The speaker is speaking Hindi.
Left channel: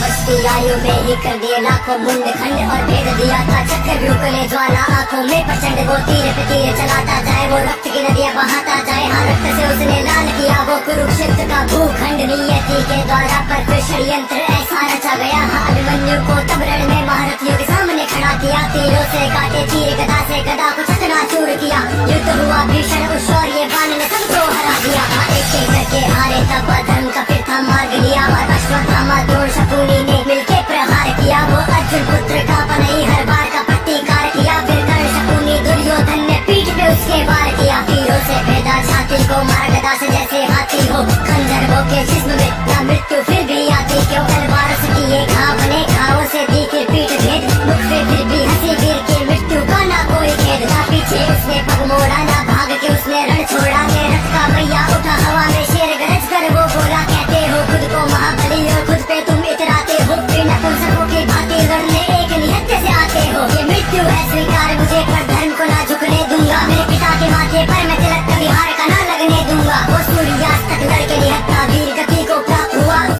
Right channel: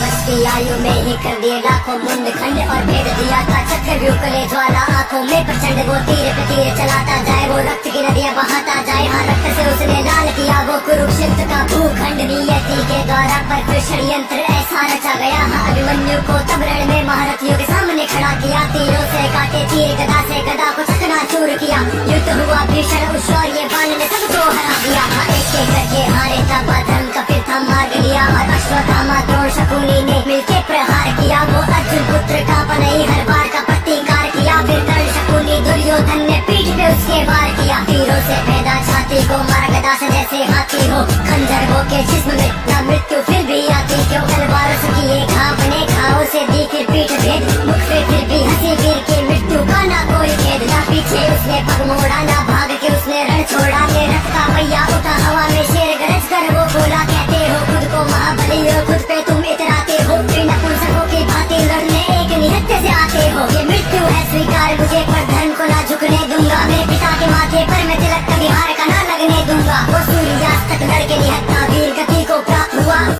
बचती आयु में ही कर दिए लाखों मुंड खंड और भेद दिया था चक्रव्यूह कले ज्वाला आंखों में प्रचंड। वो तीर पे तीर चलाता जाए, वो रक्त की नदियां बहाता जाए। हाँ, रक्त से उसने लाल किया वो कुरुक्षेत्र का भूखंड। नियति के द्वारा पर फिर षड्यंत्र ऐसा रचा गया। हाँ, अभिमन्यु को तब रण में महारथियों के सामने खड़ा किया। तीरों से काटे तीर, गदा से गदा को चकनाचूर किया। युद्ध हुआ भीषण, उस शौर्य बाण ने सबको हरा दिया। हाँ, एक एक करके हारे तब धर्म का फिर था मार्ग लिया। और अश्वत्थामा द्रोण शकुनी ने मिलके प्रहार किया। वो अर्जुन पुत्र का पनई हर बार का प्रतिकार किया। फिर कर्ण शकुनी दुर्योधन ने पीठ पे उसके वार किया। तीरों से भेदा छाती को, मार गदा से जैसे हाथी हो। खंजर हो के जिस्म में ना मृत्यु फिर भी आती क्यों। तलवार से किए घाव बने, घावों से दी फिर पीठ भेद। मुख पे फिर भी हंसी गिर के मृत्यु का ना कोई खेद। ना पीछे उसने पग मोड़ा, ना भाग के उसने रण छोड़ा। ले रथ का पहिया उठा हवा में, शेर गरज कर वो बोला। कहते हो खुद को महाबली हो, खुद पे तुम इतराते हो। बिना पुंसकों की भांति लड़ने एक निहत्थे से आते हो। ये मृत्यु है स्वीकार मुझे, पर धर्म को ना झुकने दूंगा। मेरे पिता के माथे पर मैं तिलक कभी हार का ना लगने दूंगा। वो सूर्यास्त तक लड़के निहत्था वीर गति को प्राप्त